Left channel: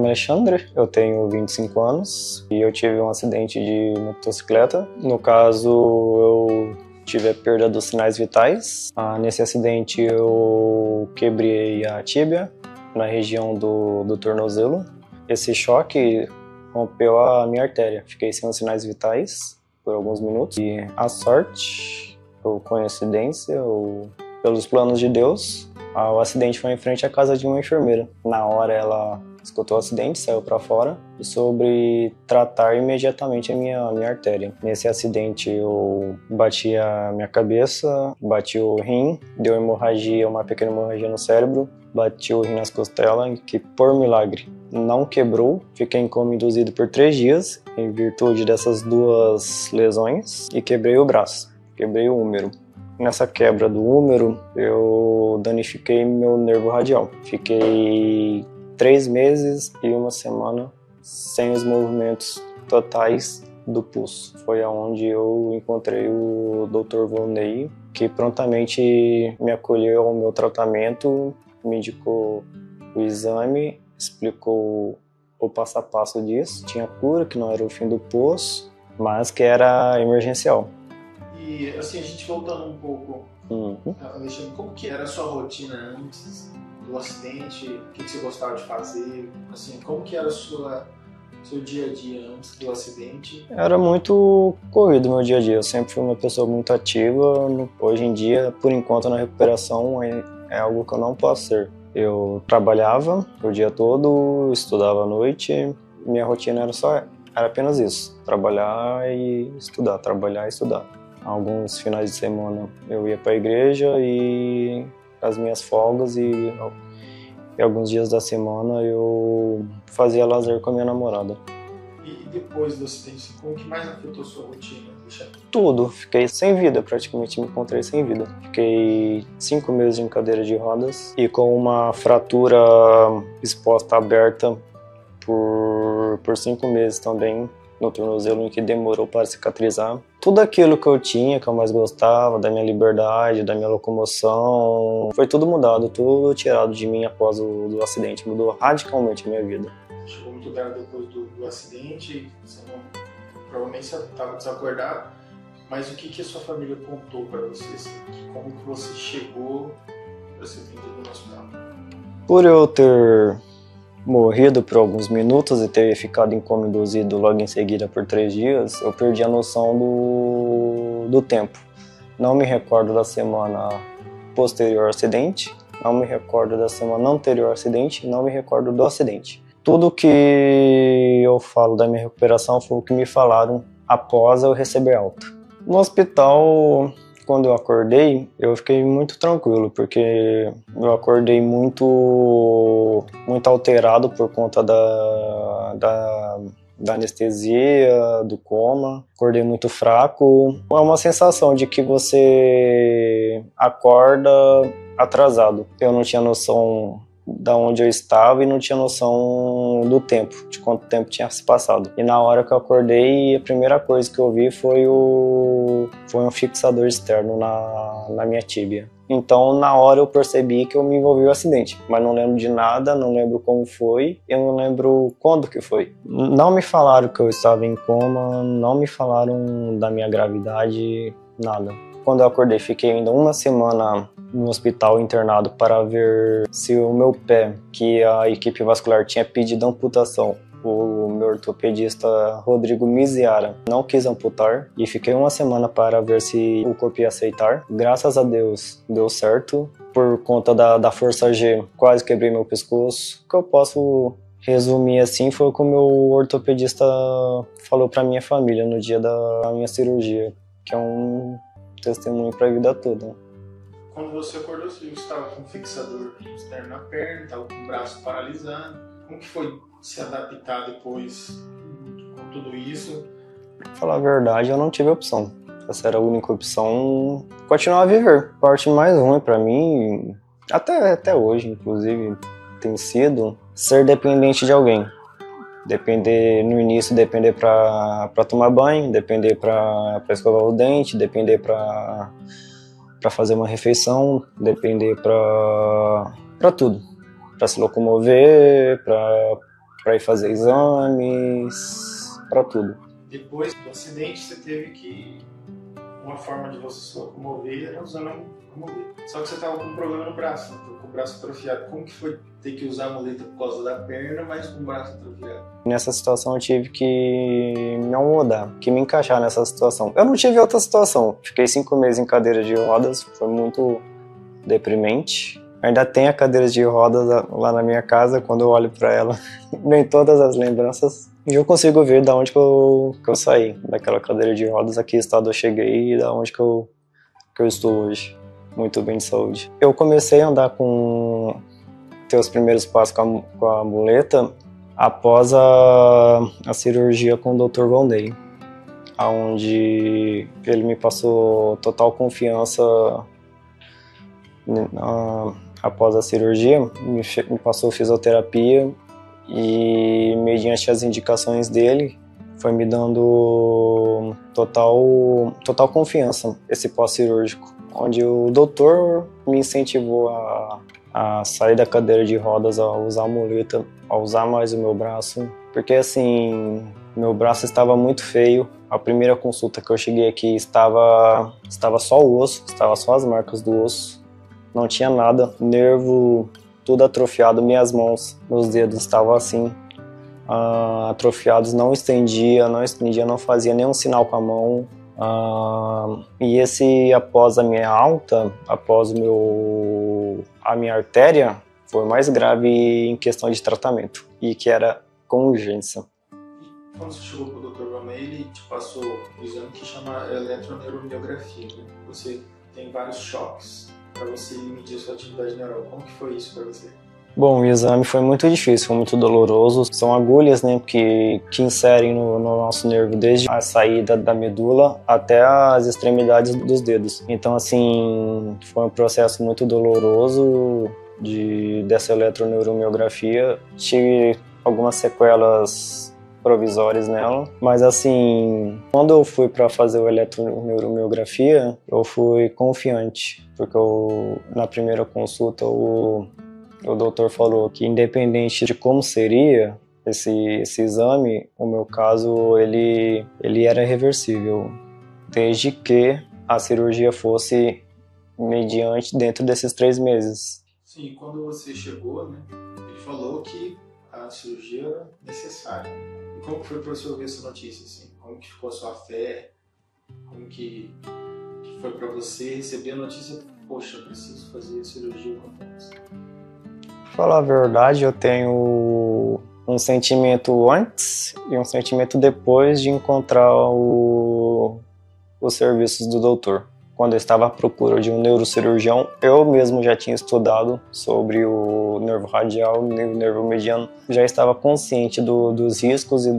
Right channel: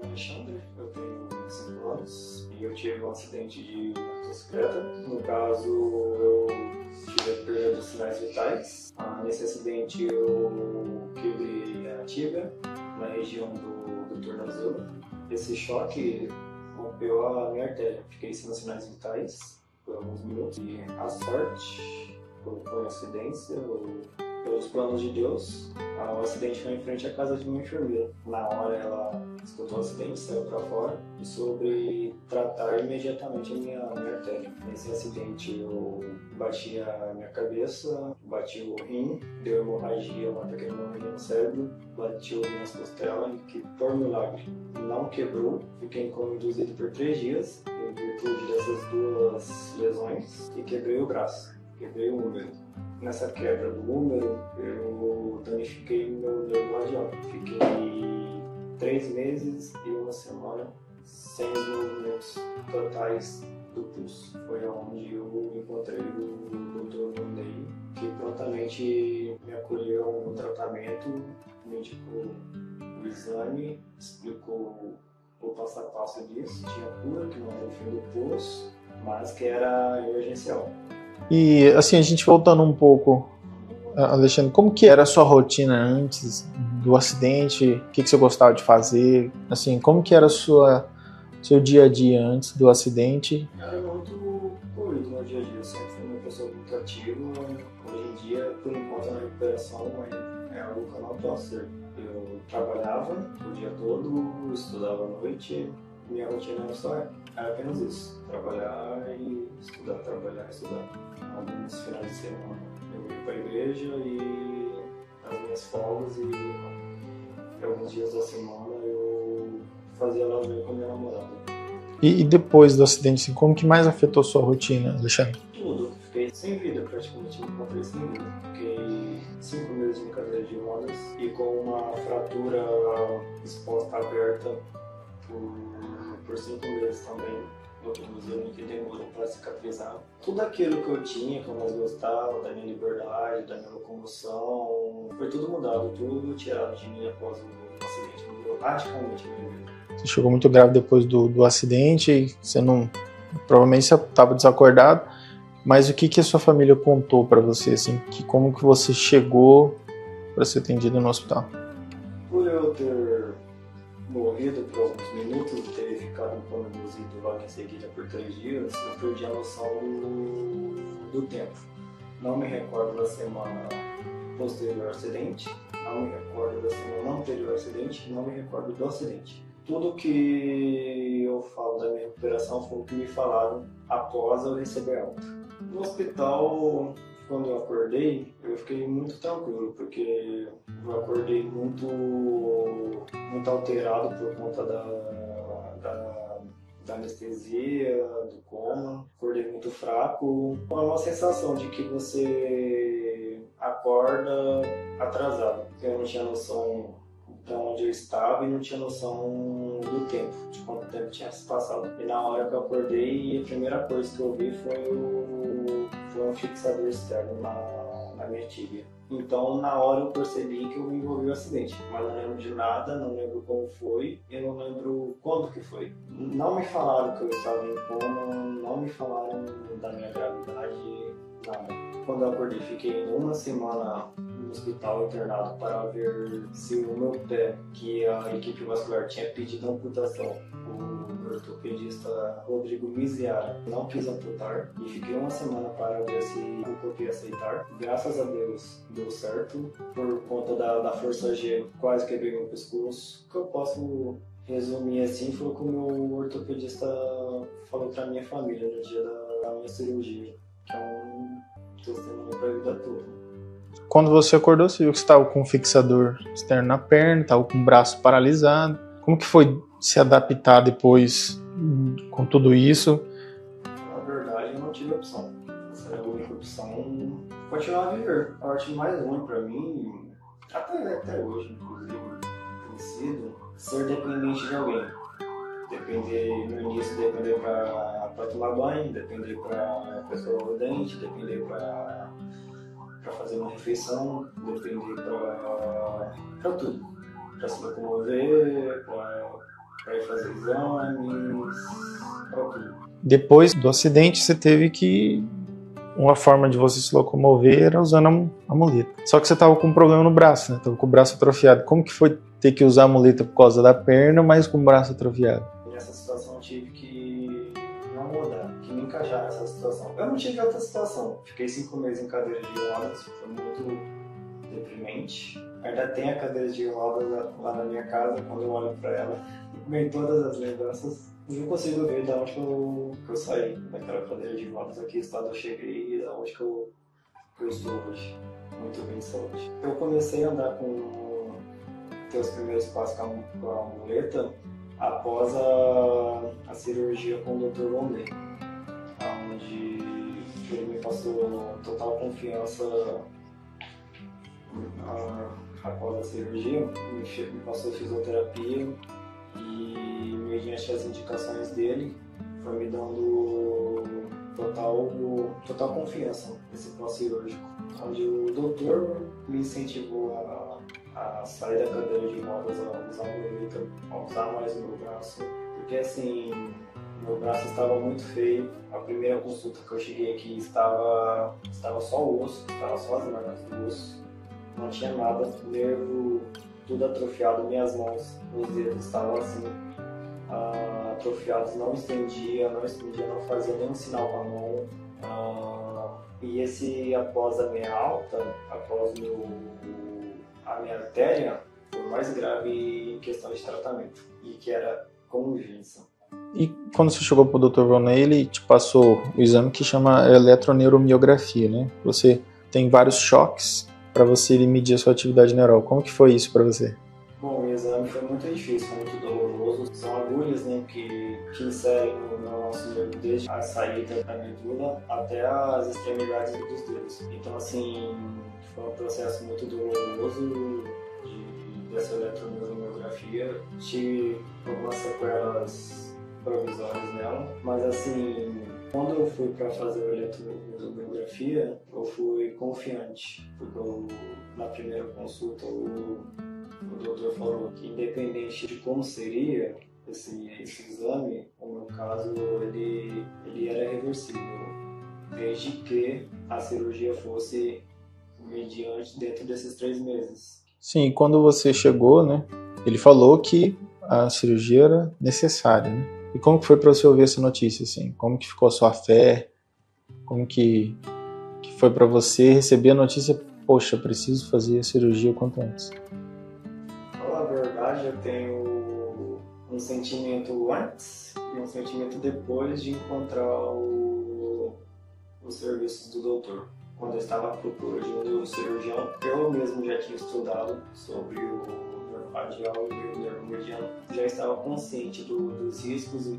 nome é Alexandre, eu tenho 25 anos e eu tive um acidente de motocicleta. No caso, eu tive a perda dos sinais vitais. Nesse acidente eu quebrei a tíbia na região do tornozelo. Esse choque rompeu a minha artéria. Fiquei sem os sinais vitais por alguns minutos. E a sorte, ou coincidência, ou pelos planos de Deus, o acidente foi em frente à casa de uma enfermeira. Na hora ela escutou o acidente, saiu para fora e soube tratar imediatamente a minha artéria. Nesse acidente eu bati a minha cabeça, bati o rim, deu hemorragia, uma pequena hemorragia no cérebro, bati o rim nas costelas, que por milagre não quebrou. Fiquei em coma induzido por 3 dias em virtude dessas 2 lesões e quebrei o braço, quebrei o húmero. Nessa quebra do húmero, eu danifiquei meu nervo radial. Fiquei 3 meses e 1 semana sem os movimentos totais do pulso. Foi aonde eu encontrei o Dr. Volney, que prontamente me acolheu ao meu tratamento, me indicou o exame, explicou o passo a passo disso. Tinha cura, que não era o fim do poço, mas que era emergencial. E assim, a gente voltando um pouco, Alexandre, como que era a sua rotina antes do acidente? O que você gostava de fazer? Assim, como que era seu dia a dia antes do acidente? Era muito corrido meu dia a dia. Eu sempre fui uma pessoa muito ativa. Hoje em dia, por enquanto, na recuperação é algo que eu não posso ser. Eu trabalhava o dia todo, estudava à noite. Minha rotina era apenas isso: trabalhar e estudar, trabalhar e estudar. Alguns finais de semana eu ia para a igreja e as minhas folgas e alguns dias da semana eu fazia lazer com a minha namorada. E depois do acidente, assim, como que mais afetou sua rotina, Alexandre? Tudo. Fiquei sem vida, praticamente me encontrei sem vida. Fiquei 5 meses em cadeira de rodas e com uma fratura exposta aberta por 5 meses também no tornozelo, em que demorou para cicatrizar. Tudo aquilo que eu tinha, que eu mais gostava, da minha liberdade, da minha locomoção, foi tudo mudado, tudo tirado de mim após o acidente. Mudou radicalmente a minha vida. Você chegou muito grave depois do acidente, você não... Provavelmente você estava desacordado, mas o que a sua família contou para você, assim, como que você chegou para ser atendido no hospital? Por eu ter morrido por alguns minutos e ter ficado em coma induzido logo em seguida por 3 dias, eu perdi a noção do tempo. Não me recordo da semana posterior ao acidente, não me recordo da semana anterior ao acidente, não me recordo do acidente. Tudo que eu falo da minha recuperação foi o que me falaram após eu receber alta. No hospital, quando eu acordei, eu fiquei muito tranquilo, porque eu acordei muito alterado por conta da anestesia, do coma. Acordei muito fraco. É uma sensação de que você acorda atrasado. Eu não tinha noção da onde eu estava e não tinha noção do tempo, de quanto tempo tinha se passado. E na hora que eu acordei, a primeira coisa que eu vi foi um fixador externo na minha tíbia. Então, na hora eu percebi que eu me envolvi no acidente, mas não lembro de nada, não lembro como foi, eu não lembro quando que foi. Não me falaram que eu estava em coma, não me falaram da minha gravidade, nada. Quando eu acordei, fiquei ainda 1 semana no hospital internado para ver se o meu pé, que a equipe vascular tinha pedido amputação, o meu ortopedista Rodrigo Miziara não quis amputar, e fiquei 1 semana para ver se o corpo ia aceitar. Graças a Deus deu certo. Por conta da força G, quase quebrei meu pescoço. O que eu posso resumir assim foi o que o meu ortopedista falou para minha família no dia da minha cirurgia, que é um testemunho para a vida toda. Quando você acordou, você viu que você estava com um fixador externo na perna, estava com o braço paralisado. Como que foi se adaptar depois com tudo isso? Pra falar a verdade, eu não tive opção. Essa era a única opção, continuar a viver. A parte mais ruim para mim, até hoje, inclusive, tem sido ser dependente de alguém. Depender no início, depender para tomar banho, depender para escovar o dente, depender para fazer uma refeição, depender para tudo, para se locomover, para ir fazer exames, para tudo. Depois do acidente, você teve que... Uma forma de você se locomover era usando a muleta. Só que você estava com um problema no braço, né? Estava com o braço atrofiado. Como que foi ter que usar a muleta por causa da perna, mas com o braço atrofiado? Nessa situação eu tive que me mudar, que me encaixar nessa situação. Eu não tive outra situação. Fiquei 5 meses em cadeira de rodas, foi muito deprimente. Ainda tem a cadeira de rodas lá na minha casa, quando eu olho para ela, vem todas as lembranças. E eu consigo ver da onde que eu saí, daquela cadeira de rodas, a que estado eu cheguei e da onde que eu estou hoje. Muito bem de saúde. Eu comecei a andar ter os primeiros passos com a muleta após a cirurgia com o Dr. Volney, onde ele me passou total confiança. Após a cirurgia, me passou fisioterapia e, mediante as indicações dele, foi me dando total confiança esse pós-cirúrgico, onde o doutor me incentivou a sair da cadeira de rodas, a usar a muleta, a usar mais o meu braço, porque assim, meu braço estava muito feio. A primeira consulta que eu cheguei aqui estava só o osso, estava só as marcas do osso. Não tinha nada, nervo tudo atrofiado, minhas mãos, meus dedos estavam assim, atrofiados, não estendia, não fazia nenhum sinal com a mão. E após a minha alta, após a minha artéria, foi mais grave em questão de tratamento, e que era com urgência. E quando você chegou para o Dr. Volney, ele te passou o exame que chama eletroneuromiografia, né? Você tem vários choques para você medir a sua atividade neural. Como que foi isso para você? Bom, o exame foi muito difícil, foi muito doloroso. São agulhas, né, que inserem no nosso nervo desde a saída da medula até as extremidades dos dedos. Então, assim, foi um processo muito doloroso dessa eletroneuromiografia. Tive algumas sequelas provisórias nela, mas assim, quando eu fui para fazer a eletroneuromiografia, eu fui confiante, porque na primeira consulta o doutor falou que, independente de como seria esse exame, o meu caso ele era reversível, desde que a cirurgia fosse mediante dentro desses 3 meses. Sim, quando você chegou, né, ele falou que a cirurgia era necessária, né? E como que foi para você ouvir essa notícia, assim? Como que ficou a sua fé? Como que foi para você receber a notícia, poxa, preciso fazer a cirurgia o quanto antes? Pra falar a verdade, eu tenho um sentimento antes e um sentimento depois de encontrar os serviços do doutor. Quando eu estava à procura de um neurocirurgião, eu mesmo já tinha estudado sobre o nervo radial e o nervo mediano. Já estava consciente dos riscos e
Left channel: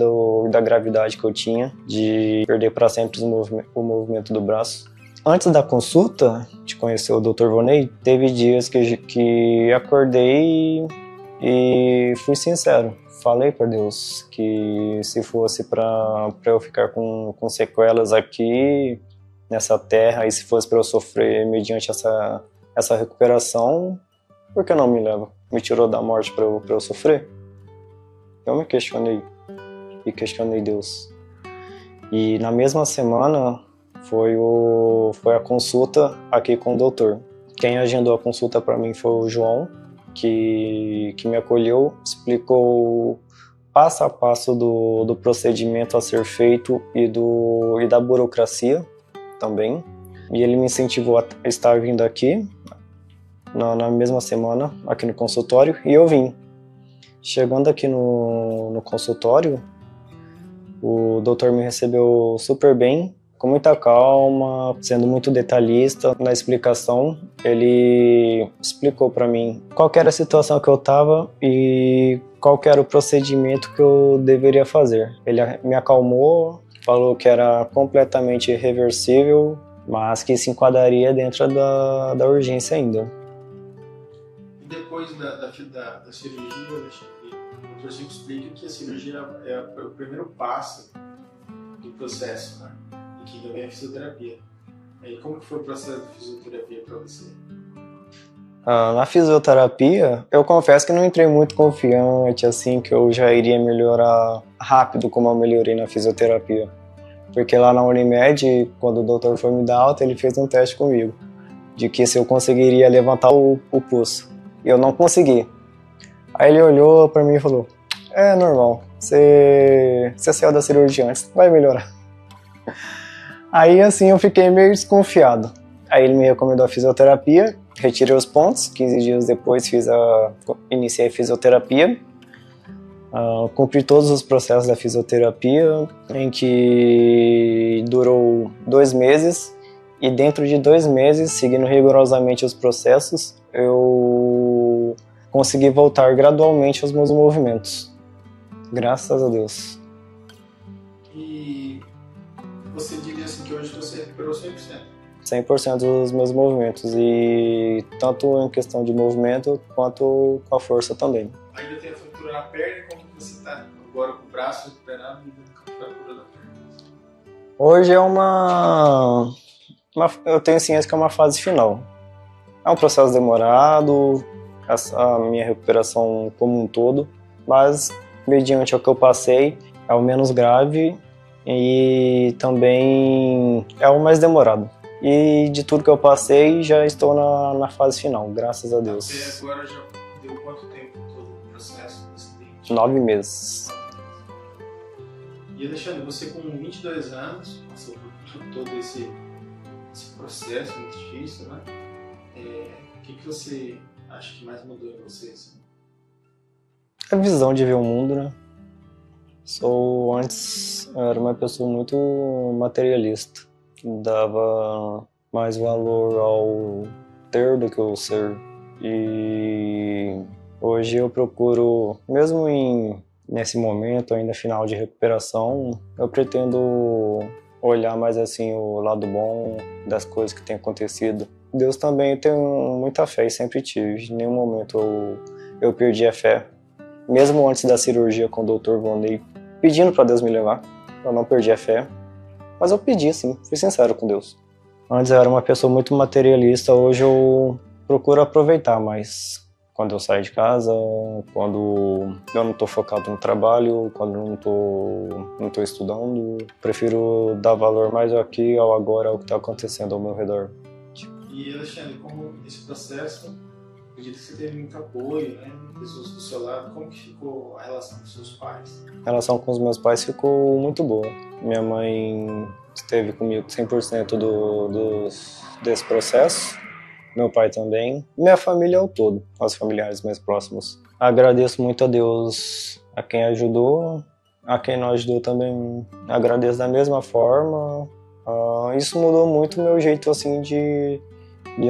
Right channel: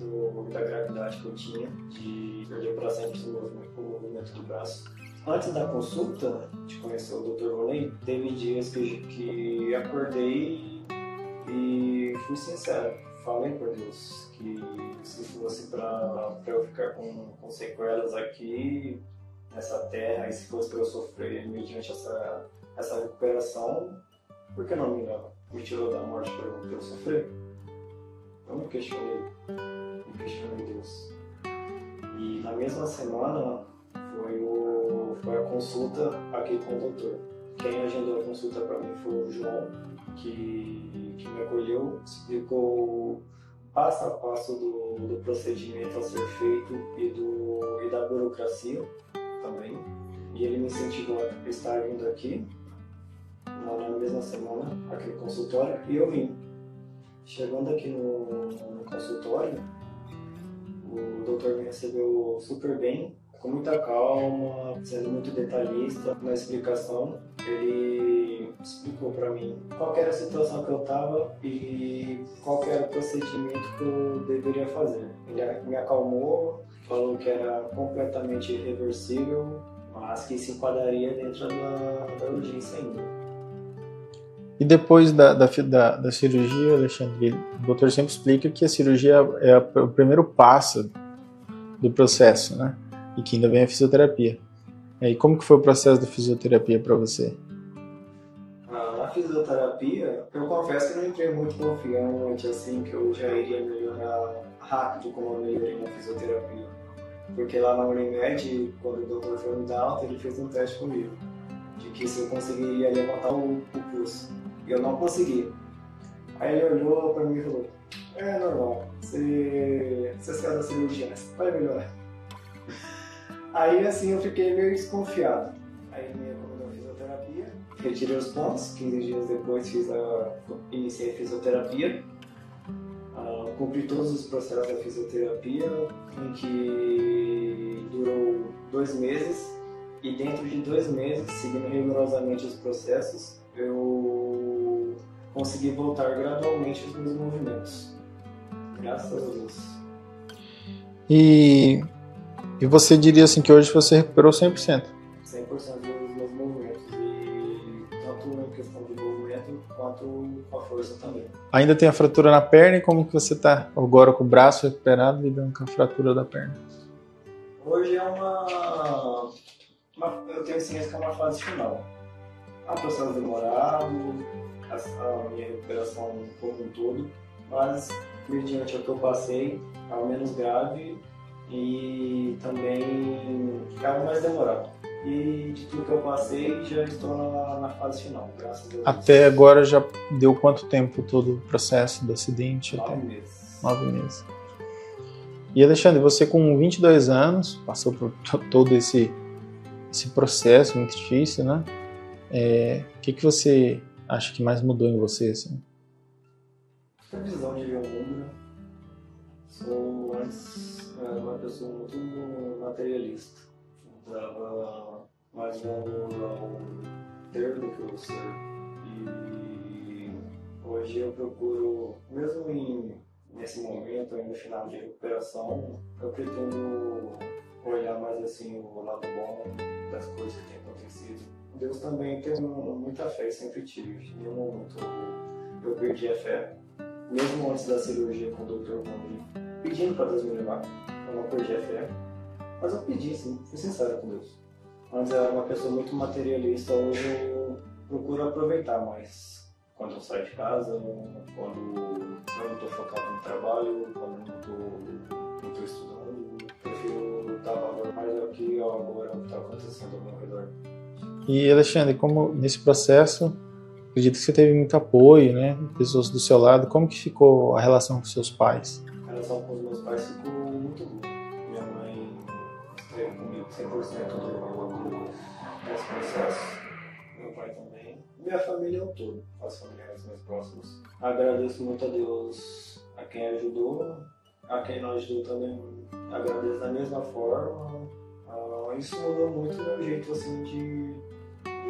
da gravidade que eu tinha de perder para sempre o movimento do braço. Antes da consulta, de conhecer o Dr. Volney, teve dias que acordei e fui sincero. Falei para Deus que se fosse para eu ficar com sequelas aqui nessa terra, e se fosse para eu sofrer mediante essa recuperação, por que não me leva? Me tirou da morte para eu sofrer? Eu me questionei e questionei Deus. E na mesma semana foi a consulta aqui com o doutor. Quem agendou a consulta para mim foi o João, que me acolheu, explicou passo a passo do procedimento a ser feito e da burocracia também. E ele me incentivou a estar vindo aqui na mesma semana, aqui no consultório, e eu vim. Chegando aqui no consultório, o doutor me recebeu super bem, com muita calma, sendo muito detalhista na explicação. Ele explicou para mim qual era a situação que eu estava e qual era o procedimento que eu deveria fazer. Ele me acalmou, falou que era completamente reversível, mas que se enquadraria dentro da urgência ainda. E depois da cirurgia, Alexandre, o doutor sempre explica que a cirurgia é o primeiro passo do processo, né? E que ainda vem a fisioterapia. E como que foi o processo da fisioterapia para você? Na fisioterapia, eu confesso que não entrei muito confiante, assim, que eu já iria melhorar rápido como eu melhorei na fisioterapia. Porque lá na Unimed, quando o doutor foi me dar alta, ele fez um teste comigo, de que se eu conseguiria levantar o pulso. E eu não consegui. Aí ele olhou pra mim e falou, é normal, você saiu da cirurgia antes, vai melhorar. Aí assim eu fiquei meio desconfiado. Aí ele me recomendou a fisioterapia, retirei os pontos, 15 dias depois iniciei a fisioterapia. Cumpri todos os processos da fisioterapia, em que durou 2 meses, e dentro de 2 meses, seguindo rigorosamente os processos, eu consegui voltar gradualmente aos meus movimentos. Graças a Deus. E você diria assim que hoje você recuperou 100%? 100% dos meus movimentos, e tanto em questão de movimento quanto com a força também. Ainda tem a fratura na perna, e como que você está agora com o braço recuperado, lidando com a fratura da perna? Hoje é eu tenho ciência que é uma fase final. É um processo demorado, a minha recuperação como um todo, mas mediante o que eu passei, é o menos grave e também é o mais demorado. E de tudo que eu passei, já estou na fase final, graças a Deus. Até agora já deu quanto tempo todo o processo do acidente? 9 meses. 9 meses. E Alexandre, você com 22 anos, passou por todo esse processo muito difícil, né? O que você acha que mais mudou em você, assim? A visão de ver o mundo, né? Antes eu era uma pessoa muito materialista. Dava mais valor ao ter do que ao ser. E hoje eu procuro, mesmo nesse momento, ainda final de recuperação, eu pretendo olhar mais assim o lado bom das coisas que tem acontecido. Deus também, eu tenho muita fé e sempre tive. Em nenhum momento eu perdi a fé. Mesmo antes da cirurgia com o Dr. Vonley, pedindo para Deus me levar, eu não perdi a fé. Mas eu pedi, assim, fui sincero com Deus. Antes eu era uma pessoa muito materialista, hoje eu procuro aproveitar mais. Quando eu saio de casa, quando eu não estou focado no trabalho, quando eu não tô estudando, prefiro dar valor mais ao aqui, ao agora, ao que está acontecendo ao meu redor. E Alexandre, como nesse processo, acredito que você teve muito apoio, né? Pessoas do seu lado, como que ficou a relação com seus pais? A relação com os meus pais ficou muito boa. Minha mãe esteve comigo 100% desse processo. Meu pai também. Minha família ao todo, os familiares mais próximos. Agradeço muito a Deus, a quem ajudou, a quem não ajudou também agradeço da mesma forma. Isso mudou muito o meu jeito assim de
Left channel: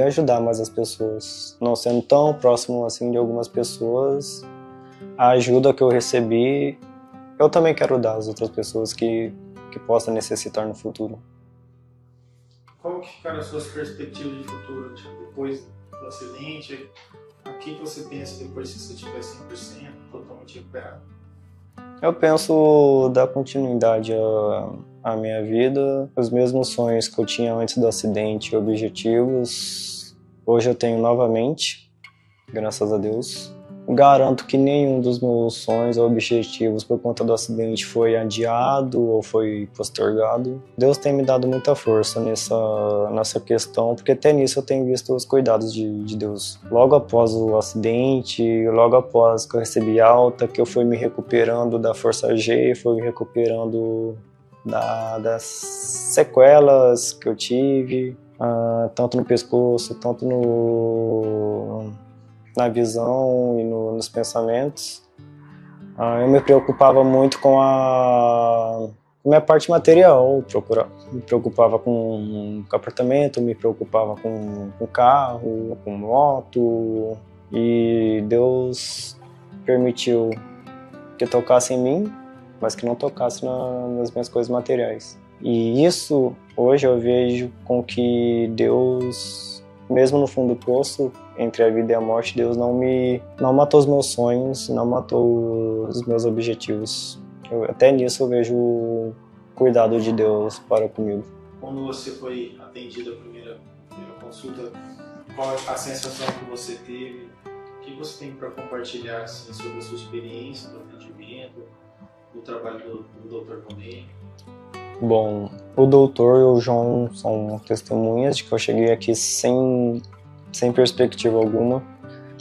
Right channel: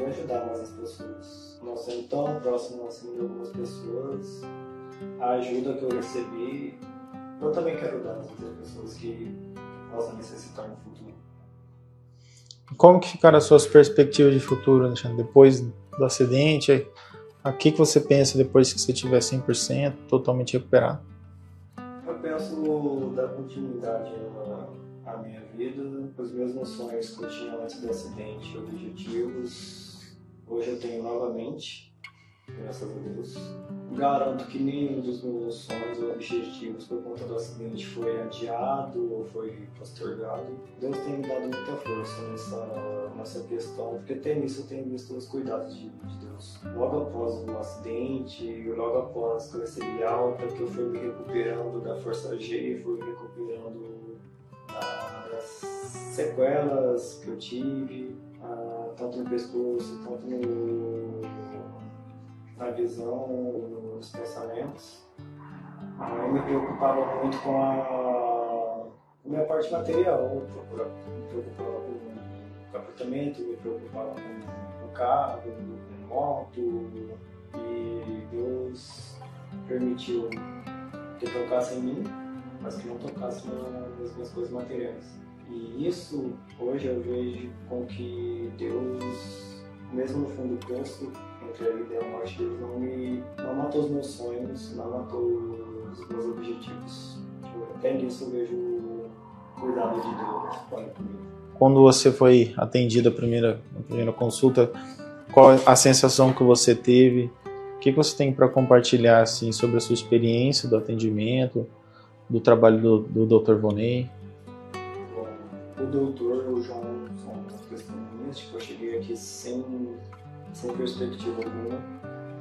ajudar mais as pessoas. Não sendo tão próximo assim de algumas pessoas, a ajuda que eu recebi, eu também quero dar às outras pessoas que possam necessitar no futuro. Como que ficaram as suas perspectivas de futuro, Alexandre? Depois do acidente, o que você pensa depois que você estiver 100%, totalmente recuperado? Eu penso dar continuidade à minha vida, os mesmos sonhos que eu tinha antes do acidente, objetivos, hoje eu tenho novamente, graças a Deus. Garanto que nenhum dos meus sonhos ou objetivos por conta do acidente foi adiado ou foi postergado. Deus tem me dado muita força nessa questão, porque até nisso eu tenho visto os cuidados de Deus. Logo após o acidente, logo após que eu recebi alta, que eu fui me recuperando da força G, fui me recuperando das sequelas que eu tive, tanto no pescoço, tanto na visão e nos pensamentos. Eu me preocupava muito com a minha parte material, me preocupava com o apartamento, me preocupava com carro, com moto, e Deus permitiu que tocasse em mim, mas que não tocasse nas minhas coisas materiais. E isso, hoje eu vejo com que Deus, mesmo no fundo do poço, entre a vida e a morte, Deus não matou os meus sonhos, não matou os meus objetivos. Até nisso eu vejo o cuidado de Deus para comigo. Quando você foi atendido a primeira consulta, Qual a sensação que você teve? O que você tem para compartilhar assim, sobre a sua experiência do atendimento, do trabalho do Dr. Vonei? Bom, o doutor e o João são testemunhas de que eu cheguei aqui sem perspectiva alguma,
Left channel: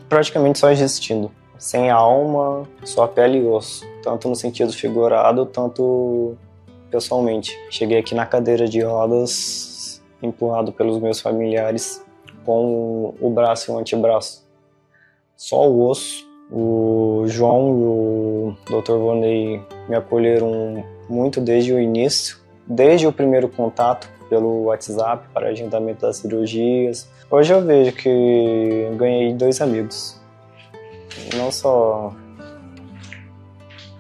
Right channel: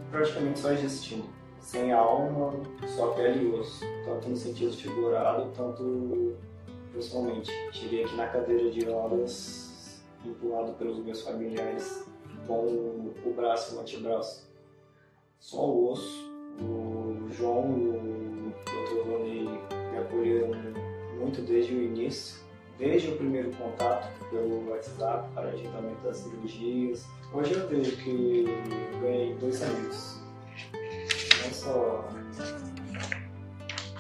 praticamente só existindo, sem alma, só pele e osso, tanto no sentido figurado, tanto pessoalmente. Cheguei aqui na cadeira de rodas, empurrado pelos meus familiares, com o braço e o antebraço. Só o osso. O João e o Dr. Vonei me acolheram muito desde o início, desde o primeiro contato pelo WhatsApp para agendamento das cirurgias. Hoje eu vejo que ganhei 2 amigos, não só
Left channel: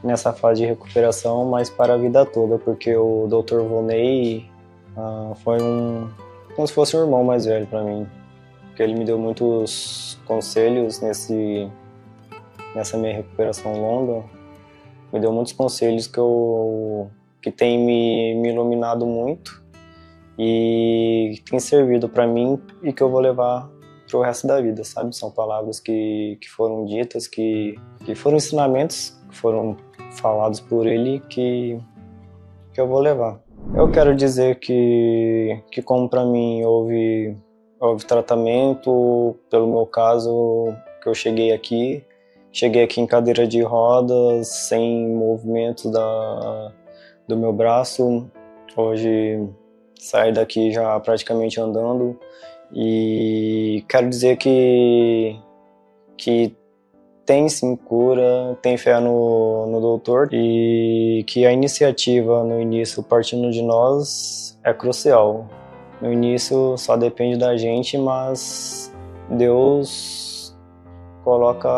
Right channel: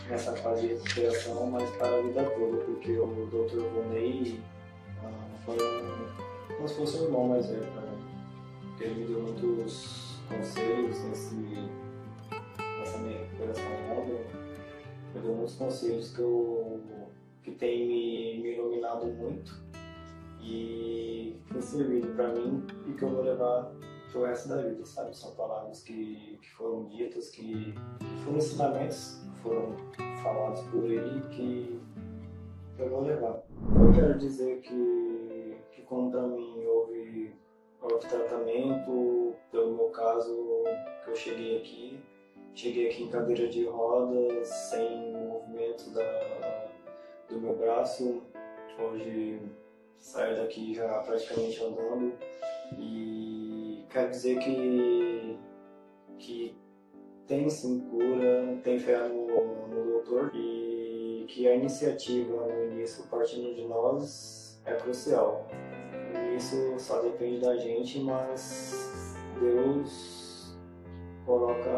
nessa fase de recuperação, mas para a vida toda, porque o Dr. Vonei foi como se fosse um irmão mais velho para mim, porque ele me deu muitos conselhos nessa minha recuperação longa, me deu muitos conselhos que tem me iluminado muito e tem servido para mim e que eu vou levar para o resto da vida, sabe? São palavras que foram ditas, que foram ensinamentos, que foram falados por ele, que eu vou levar. Eu quero dizer que como para mim houve tratamento, pelo meu caso, que eu cheguei aqui em cadeira de rodas, sem movimentos do meu braço. Hoje saio daqui já praticamente andando e quero dizer que tem sim cura, tem fé no doutor e que a iniciativa no início partindo de nós é crucial. No início só depende da gente, mas Deus coloca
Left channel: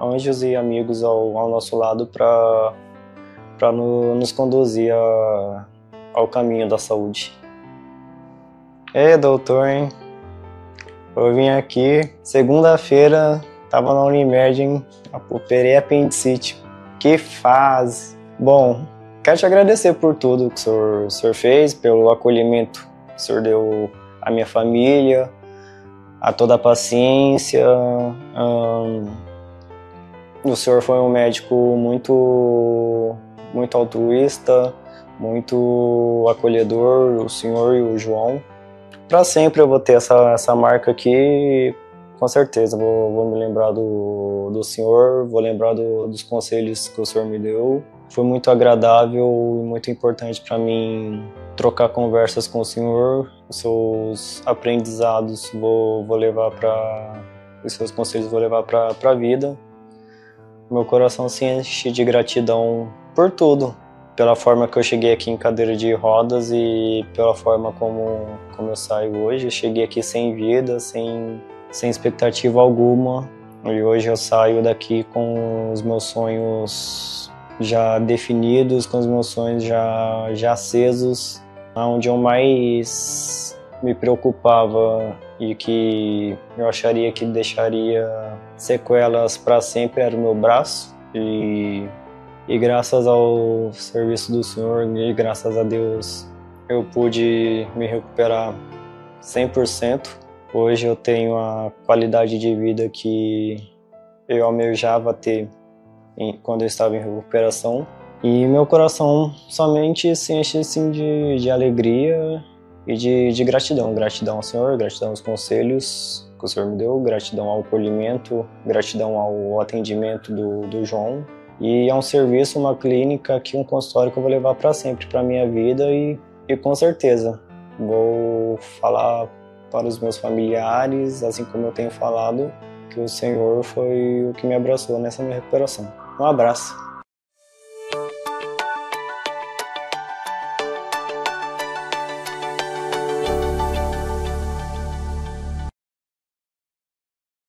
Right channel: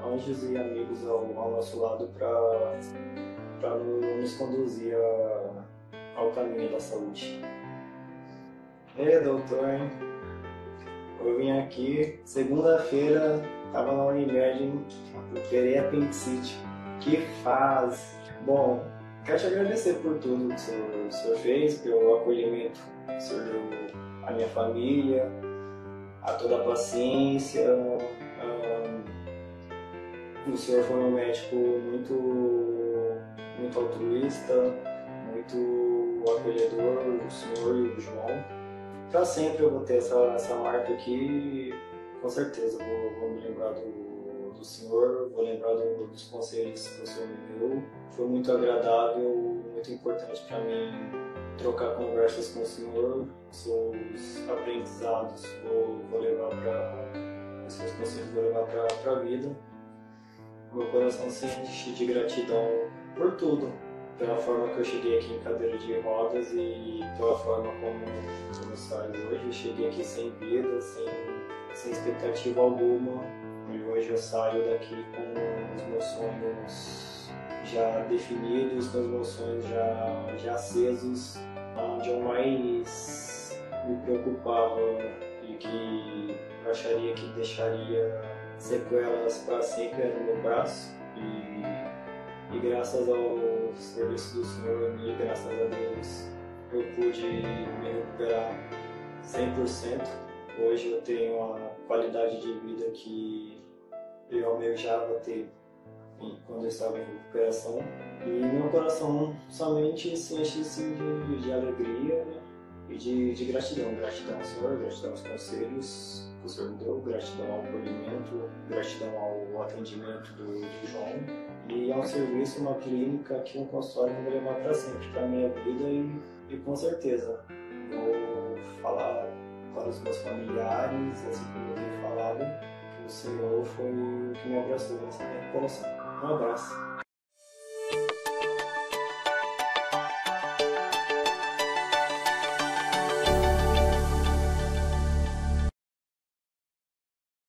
anjos e amigos ao nosso lado para nos conduzir ao caminho da saúde. Doutor, hein? Eu vim aqui, segunda-feira, estava na Unimed, hein? Operei apendicite. Que fase! Bom, quero te agradecer por tudo que o senhor fez, pelo acolhimento que o senhor deu à minha família, a toda a paciência. O senhor foi um médico muito altruísta, muito acolhedor, o senhor e o João. Para sempre eu vou ter essa marca aqui, com certeza. Vou me lembrar do senhor, vou lembrar dos conselhos que o senhor me deu. Foi muito agradável e muito importante para mim trocar conversas com o senhor. Os seus aprendizados os seus conselhos vou levar para a vida. Meu coração se enche de gratidão por tudo. Pela forma que eu cheguei aqui em cadeira de rodas e pela forma como eu saio hoje. Eu cheguei aqui sem vida, sem expectativa alguma. E hoje eu saio daqui com os meus sonhos já definidos, com os meus sonhos já acesos. Onde eu mais me preocupava e que eu acharia que deixaria sequelas para sempre era o meu braço. E graças ao serviço do Senhor e graças a Deus eu pude me recuperar 100%. Hoje eu tenho a qualidade de vida que eu almejava ter quando eu estava em recuperação. E meu coração somente se enche assim, de alegria e de gratidão. Gratidão ao Senhor, gratidão aos conselhos que o Senhor me deu, gratidão ao acolhimento, gratidão ao atendimento do João. E é um serviço, uma clínica, um consultório que eu vou levar para sempre, para a minha vida e com certeza vou falar para os meus familiares, assim como eu tenho falado, que o Senhor foi o que me abraçou nessa minha recuperação. Um abraço.